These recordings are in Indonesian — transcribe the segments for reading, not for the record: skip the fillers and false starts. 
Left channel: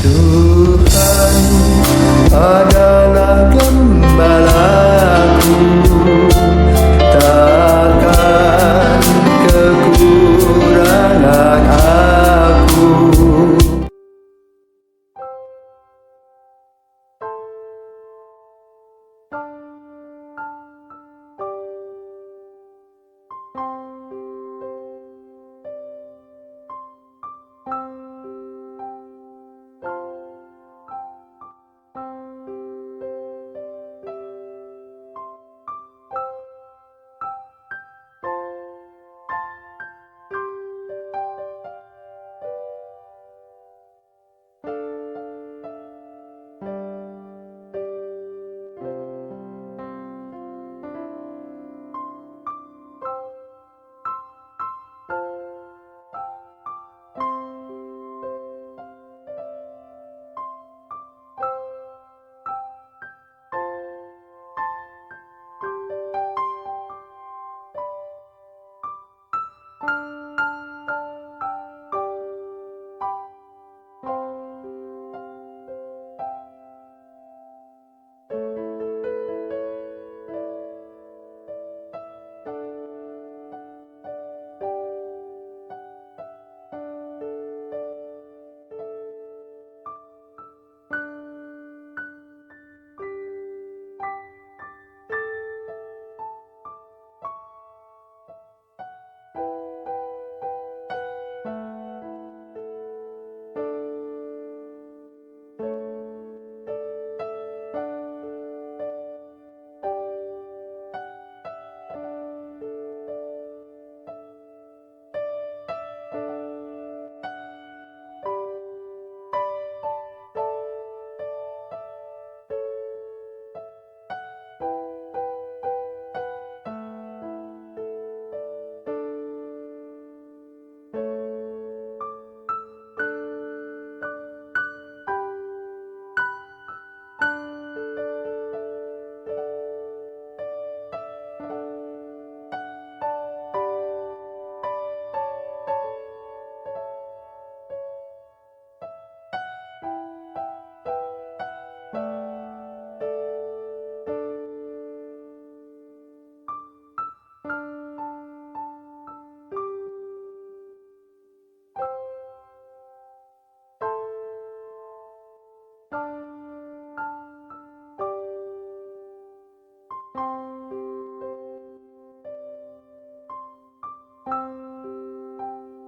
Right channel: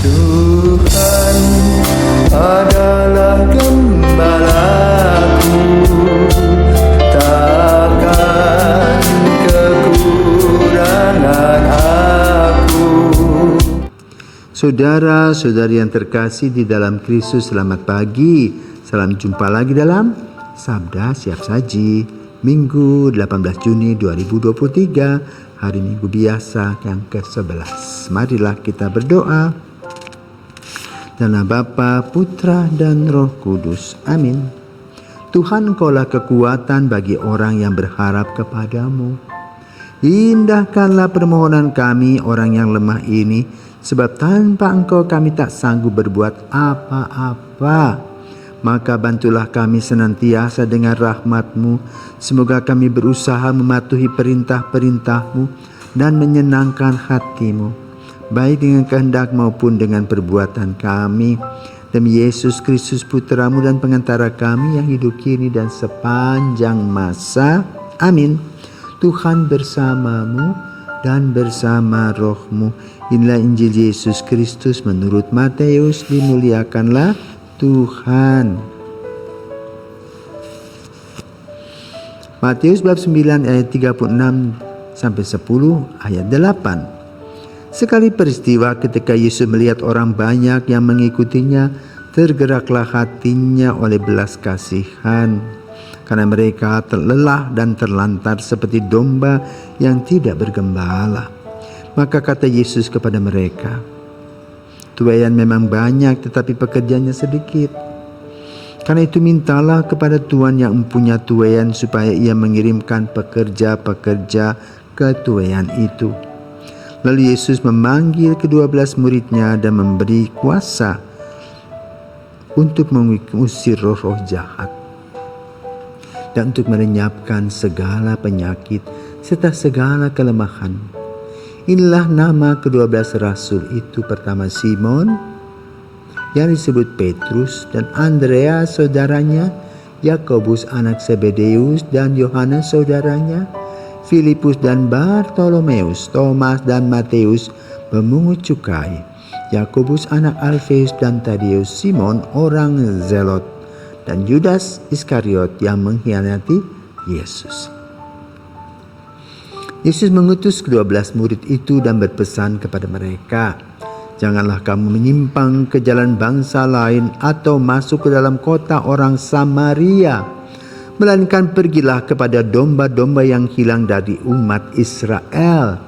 Tuhan adalah gembalaku, takkan kekurangan aku. Saudara-saudari yang terkasih di dalam Kristus, selamat pagi. Salam jumpa lagi dalam Sabda Siap Saji, Minggu 18 Juni 2023, hari Minggu biasa yang ke-11. Marilah kita berdoa. Dalam nama Bapa, Putra, dan Roh Kudus. Amin. Tuhan, Engkaulah kekuatan bagi orang yang berharap kepadamu. Indahkanlah permohonan kami orang yang lemah ini, sebab tanpa Engkau kami tak sanggup berbuat apa-apa. Maka bantulah kami senantiasa dengan rahmat-Mu. Semoga kami berusaha mematuhi perintah-perintah-Mu dan menyenangkan hati-Mu, baik dengan kehendak maupun dengan perbuatan kami. Demi Yesus Kristus Putra-Mu dan pengantara kami yang hidup kini dan sepanjang masa. Amin. Tuhan bersamamu dan bersama roh-Mu. Inilah Injil Yesus Kristus menurut Matius. Dimuliakanlah Tuhan. Matius bab 9 ayat 36 sampai 10 ayat 8. Sekali peristiwa ketika Yesus melihat orang banyak yang mengikutinya, tergeraklah hatinya oleh belas kasihan, karena mereka terlelah dan terlantar seperti domba yang tidak bergembala. Maka kata Yesus kepada mereka, tuaian memang banyak tetapi pekerjanya sedikit. Karena itu mintalah kepada Tuhan yang mempunyai tuaian supaya ia mengirimkan pekerja-pekerja ke tuaian itu. Lalu Yesus memanggil ke-12 muridnya dan memberi kuasa untuk mengusir roh-roh jahat dan untuk melenyapkan segala penyakit serta segala kelemahan. Inilah nama ke-12 rasul itu. Pertama, Simon yang disebut Petrus, dan Andreas saudaranya, Yakobus anak Zebedeus dan Yohanes saudaranya, Filipus dan Bartolomeus, Thomas dan Matius pemungut cukai, Yakobus anak Alfeus dan Tadeus, Simon orang Zelot, dan Yudas Iskariot yang mengkhianati Yesus. Yesus mengutus ke-12 murid itu dan berpesan kepada mereka, janganlah kamu menyimpang ke jalan bangsa lain atau masuk ke dalam kota orang Samaria, melainkan pergilah kepada domba-domba yang hilang dari umat Israel.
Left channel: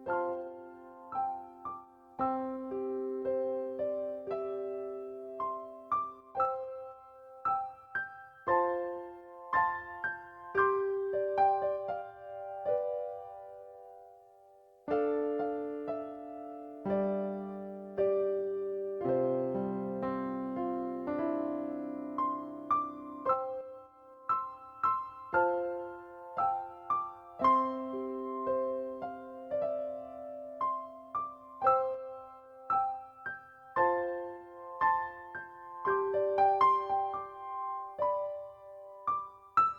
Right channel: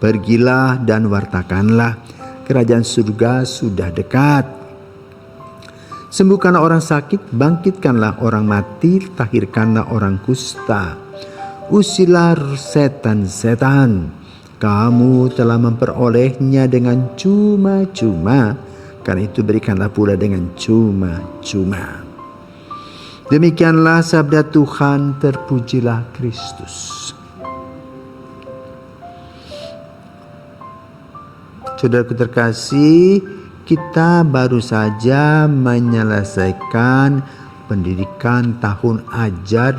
Pergilah dan wartakanlah, kerajaan surga sudah dekat. Sembuhkanlah orang sakit, bangkitkanlah orang mati, tahirkanlah orang kusta. Usirlah setan-setan, kamu telah memperolehnya dengan cuma-cuma, karena itu berikanlah pula dengan cuma-cuma. Demikianlah sabda Tuhan, terpujilah Kristus. Saudaraku terkasih, kita baru saja menyelesaikan pendidikan tahun ajar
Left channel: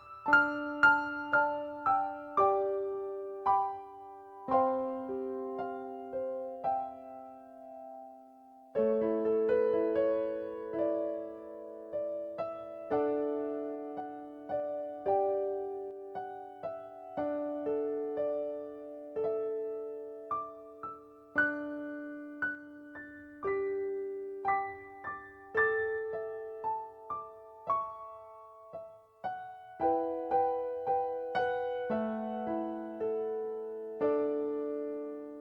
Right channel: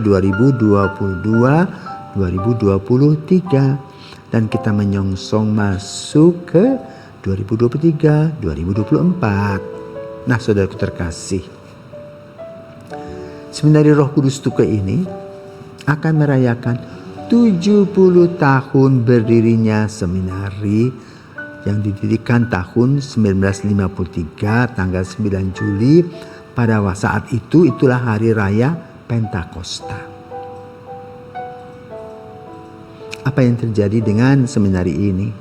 2022-2023 dan kita menyongsong masuk ke 2023-2024. Nah, saudaraku terkasih, Seminari Roh Kudus Tukai ini akan merayakan 70 tahun berdirinya seminari yang didirikan tahun 1953 tanggal 9 Juli. Pada saat itu, itulah hari raya Pentakosta. Apa yang terjadi dengan seminari ini?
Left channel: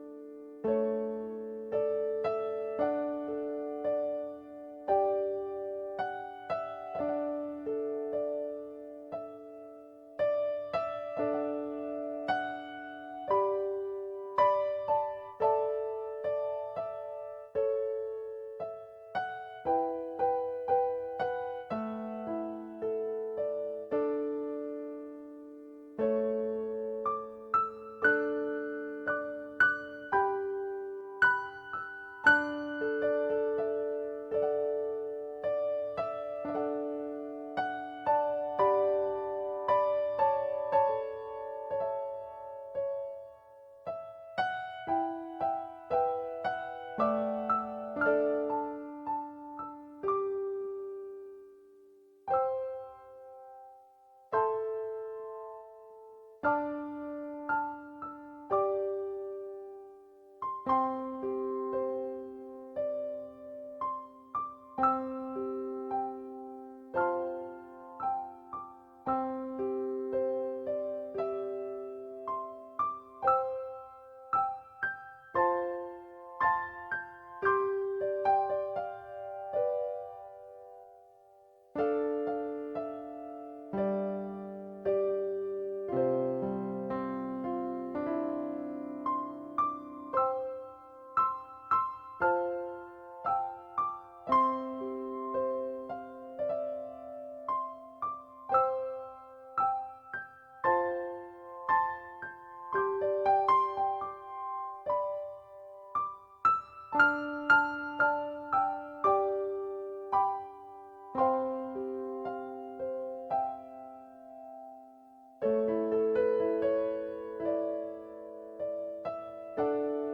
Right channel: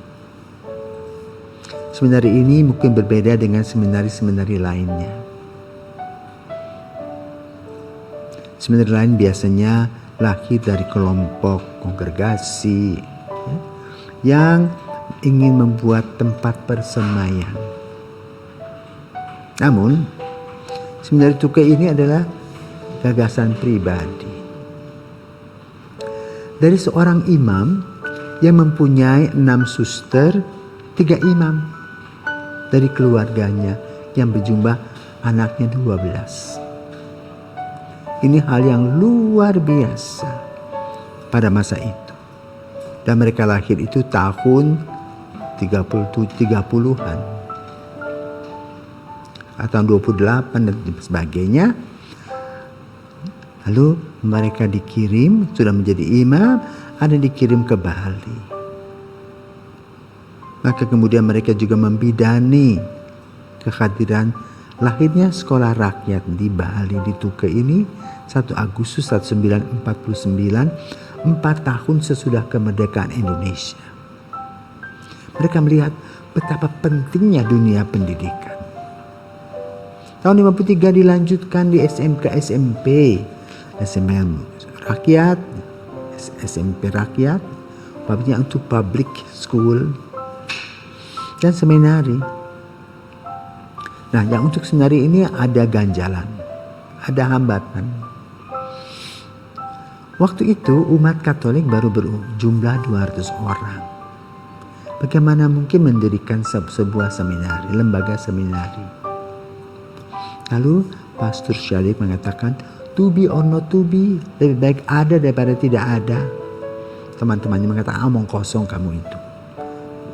Seminari ini mungkin berbeda dengan seminari-seminari lainnya. Seminari lain biasanya lahir dari kelompok kongregasi yang ingin membuat tempat persemaian. Namun, seminari Tukai ini adalah gagasan pribadi dari seorang imam yang mempunyai 6 suster, 3 imam dari keluarganya yang berjumlah anaknya 12. Ini hal yang luar biasa pada masa itu. Dan mereka lahir itu tahun 30-an. atau 28 dan sebagainya. Lalu mereka dikirim, sudah menjadi imam, ada dikirim ke Bali. Maka kemudian mereka juga membidani kehadiran lahirnya sekolah rakyat di Bali di Tuke ini 1 Agustus 1949, 4 tahun sesudah kemerdekaan Indonesia. Mereka melihat betapa pentingnya dunia pendidikan. Tahun 53 dilanjutkan di SMK SMP, SMK rakyat, SMP rakyat, untuk public school, dan seminari. Nah, yang untuk seminari ini ada ganjalan, ada hambatan. Waktu itu umat Katolik baru berjumlah 200 orang. Bagaimana mungkin mendirikan sebuah seminari, lembaga seminari? Lalu Pastor Syalik mengatakan, to be or not to be, lebih baik ada daripada tidak ada. Teman-temannya mengatakan, omong kosong kamu itu.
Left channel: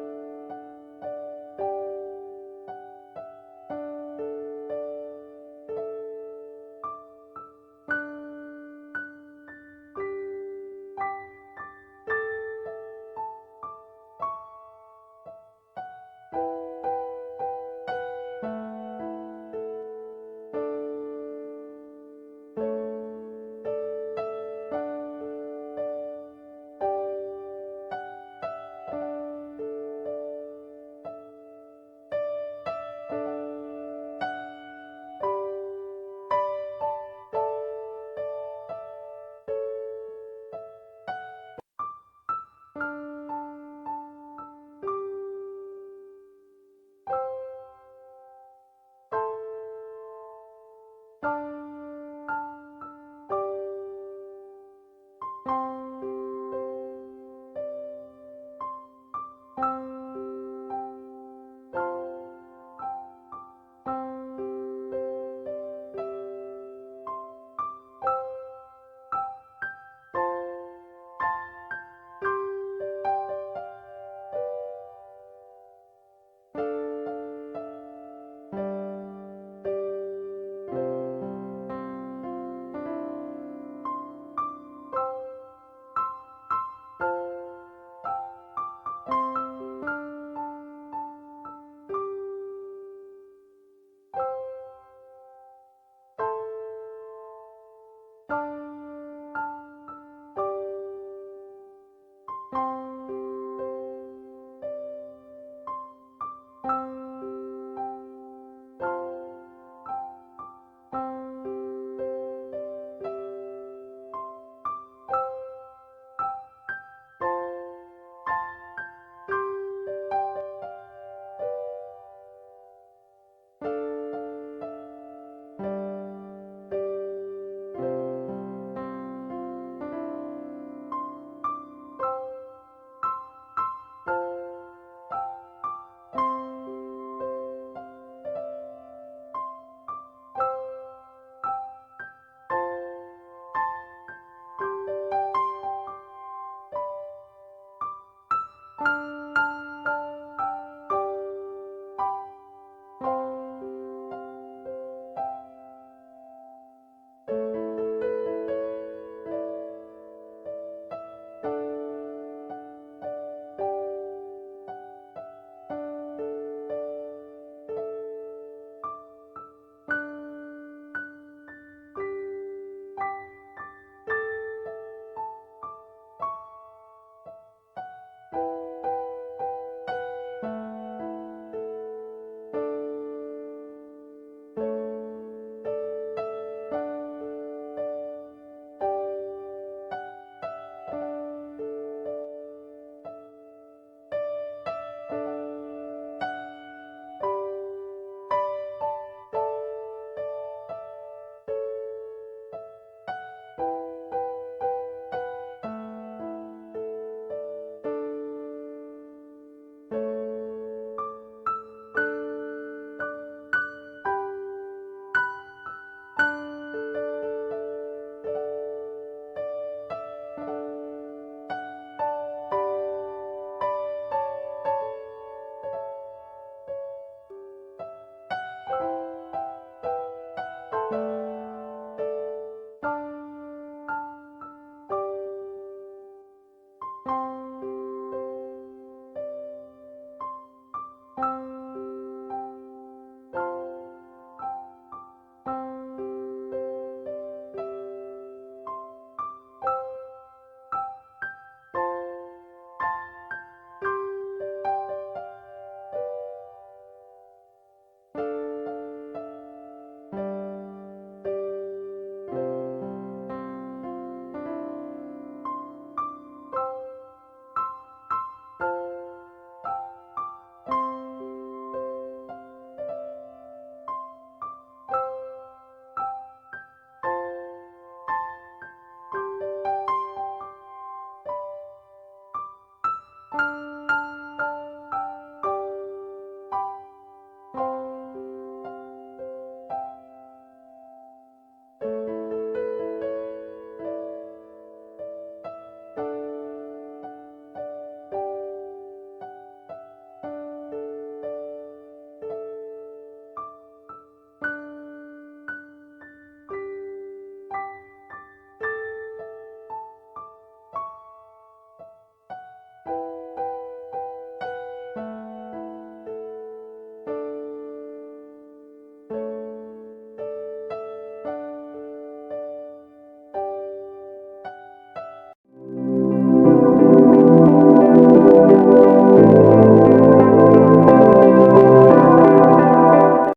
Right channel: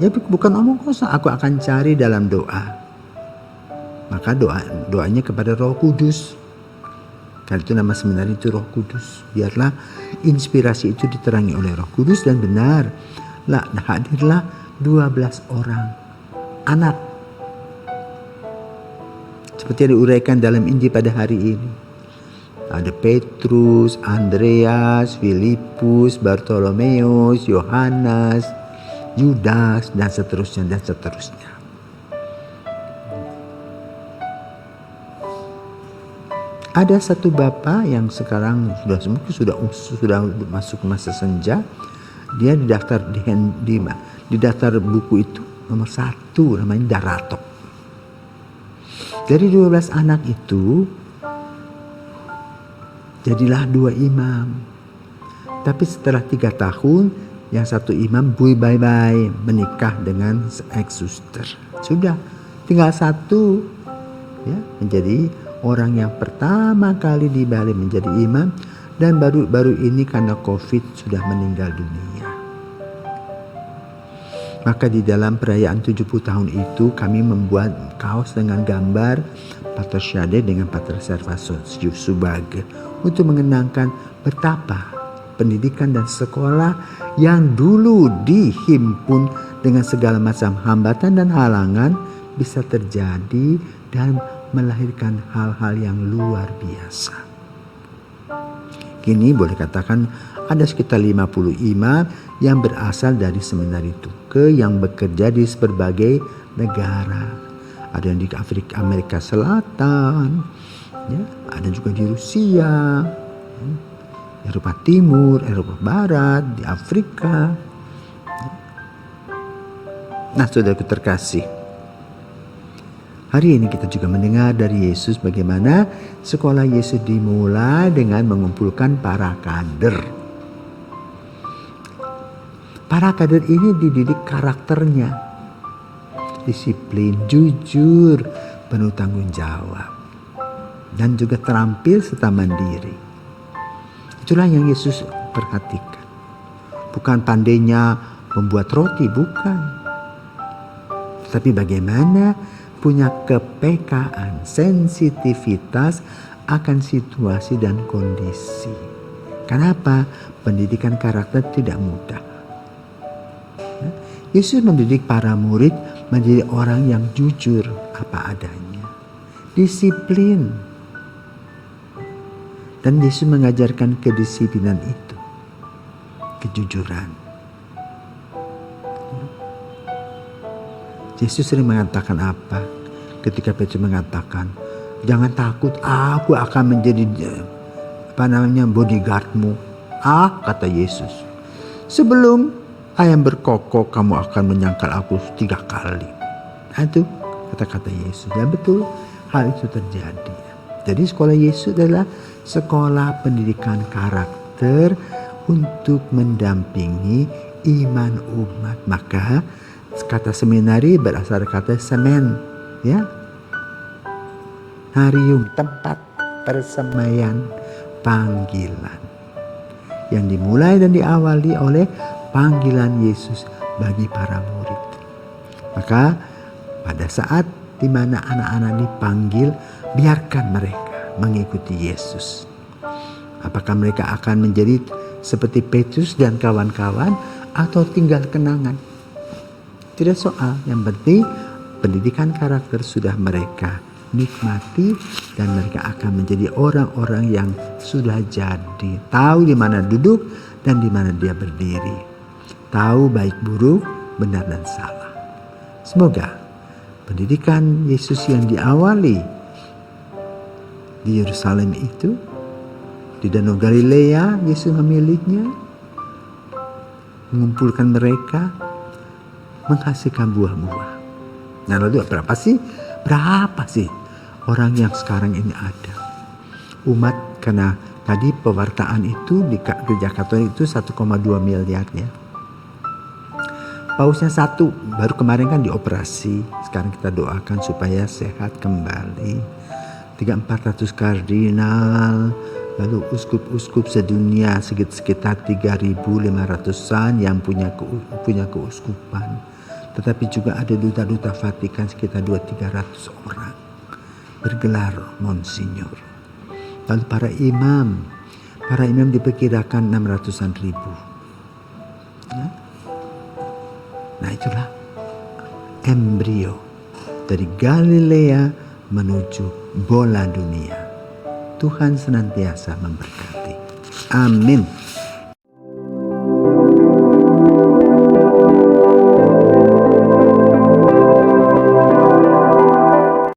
Ya bukan omong kosong, aku akan cari dalam doa. Maka doanya kepada Roh Kudus. Karena itu nama seminari itu Roh Kudus. Biarlah inspirasi itu diterangi oleh Roh Kudus dan benar. Hadirlah 12 orang anak. Seperti yang diuraikan dalam Injil pada hari ini. Ada Petrus, Andreas, Filipus, Bartolomeus, Yohanes, Yudas, dan seterusnya, dan seterusnya. Ada satu bapak yang sekarang sudah masuk masa senja. Dia didaftar di daftar buku itu nomor 1, namanya Daratok. Dari 12 anak itu jadilah 2 imam. Tapi setelah 3 tahun, yang satu imam bye-bye menikah dengan ex-suster. Sudah tinggal 1 ya, menjadi orang yang pertama kali di Bali menjadi imam, dan baru ini karena COVID sudah meninggal dunia. Maka di dalam perayaan 70 tahun itu kami membuat kaos dengan gambar Pater Syade dengan Pater Servasius Subage untuk mengenangkan betapa pendidikan dan sekolah yang dulu dihimpun dengan segala macam hambatan dan halangan bisa terjadi dan melahirkan hal-hal yang luar biasa. Kini boleh katakan ada sekitar 50 imam yang berasal dari seminari Tuke yang bekerja di berbagai negara. Ada yang di Amerika Selatan, ya, ada juga di Rusia, Eropa Timur, Eropa Barat, di Afrika. Nah, saudaraku terkasih, hari ini kita juga mendengar dari Yesus bagaimana sekolah Yesus dimulai dengan mengumpulkan para kader. Para kader ini dididik karakternya, disiplin, jujur, penuh tanggung jawab, dan juga terampil serta mandiri. Itulah yang Yesus perhatikan. Bukan pandainya membuat roti, bukan. Tapi bagaimana punya kepekaan, sensitivitas akan situasi dan kondisi. Kenapa? Pendidikan karakter tidak mudah. Yesus mendidik para murid menjadi orang yang jujur apa adanya, disiplin. Dan Yesus mengajarkan kedisiplinan itu, kejujuran. Yesus sering mengatakan apa? Ketika Petrus mengatakan, jangan takut, aku akan menjadi bodyguardmu. Kata Yesus, sebelum ayam berkokok kamu akan menyangkal aku 3 kali. Itu kata-kata Yesus. Dan betul hal itu terjadi. Jadi sekolah Yesus adalah sekolah pendidikan karakter untuk mendampingi iman umat. Maka kata seminari berasal dari kata semen, ya, harium, tempat persemaian panggilan yang dimulai dan diawali oleh panggilan Yesus bagi para murid. Maka pada saat di mana anak-anak dipanggil, biarkan mereka mengikuti Yesus. Apakah mereka akan menjadi seperti Petrus dan kawan-kawan atau tinggal kenangan? Tidak soal, yang penting pendidikan karakter sudah mereka nikmati dan mereka akan menjadi orang-orang yang sudah jadi, tahu di mana duduk dan di mana dia berdiri, tahu baik buruk, benar dan salah. Semoga pendidikan Yesus yang diawali di Yerusalem itu, di Danau Galilea, Yesus memilihnya, mengumpulkan mereka, menghasilkan buah-buah. Nah lalu berapa sih orang yang sekarang ini ada? Umat, karena tadi pewartaan itu di gereja Katolik itu 1,2 miliar ya. Pausnya 1, baru kemarin kan dioperasi. Sekarang kita doakan supaya sehat kembali. 300-400 kardinal, lalu uskup-uskup sedunia sekitar 3.500-an yang punya keuskupan. Tetapi juga ada duta-duta Vatikan sekitar 200-300 orang bergelar Monsinyur. Lalu para imam diperkirakan 600-an ribu. Ya. Nah itulah embrio dari Galilea menuju bola dunia. Tuhan senantiasa memberkati. Amin.